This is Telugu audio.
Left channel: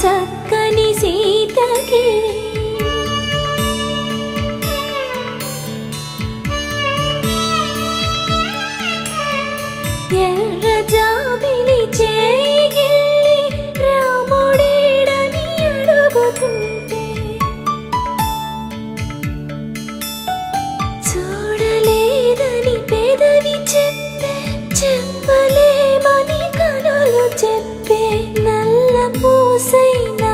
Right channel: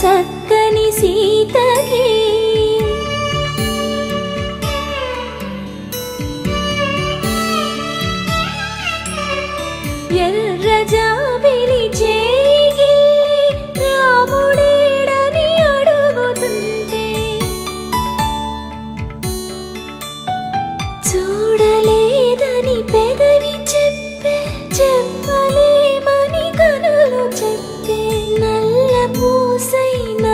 చక్కని సీతకి ఎర్ర జాబిలి చేయి రాముడేడని అడుగుతుంటే చూడలేదని పెదవి చెప్పలేమని కనులు చెప్పే నల్ల పూసైన